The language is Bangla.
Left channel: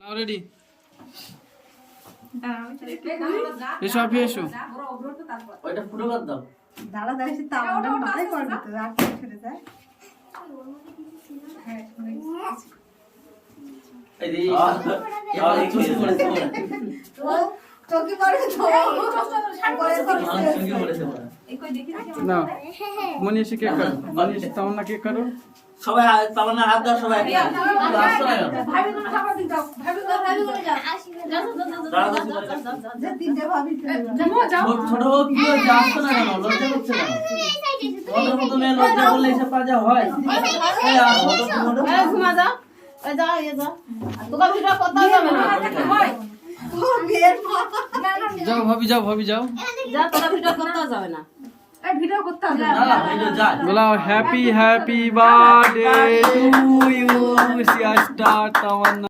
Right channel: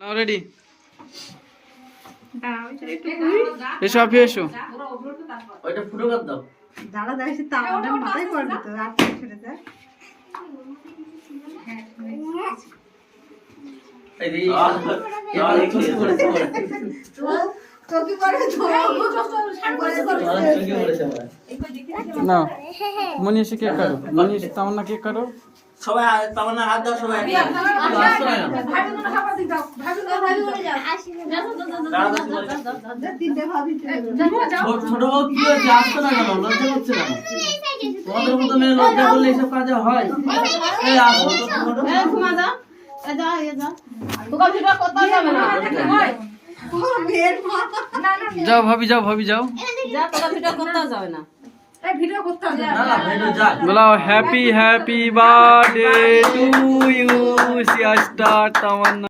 নাও রেডি এসো আপনি এসো ওইটা ফুটো কর দাও দাঁড়া দাঁড়িয়ে তাওয়াটা মাথায় পড়বে তো রাত ছেড়ে যায় এই যে এবার চোখে পড়েছে চোখে পড়বে তো চোখে পড়েছে নাও মনীষী কেক করো মনীষী তামান্না কেক করো সবাই তামান্না হাত দাও সবাই আসছো না তিনটে ভাবি ছোট বউ কি হয়েছে আসছো না কেন লজ্জা করছে না তোমাদের মতো মেয়ে লজ্জা করলে এইসব কাজ হয় এই আসো ঘুমা যা যা যা তোকে ভিডিও করতে হবে না যাও ভাবি যাও ভাবি যাও যা তোকে ভিডিও করতে যাবে না ভিডিও করতে হবে না না ভিডিও যা বলাও happy happy birthday to you Siya star Tamannaah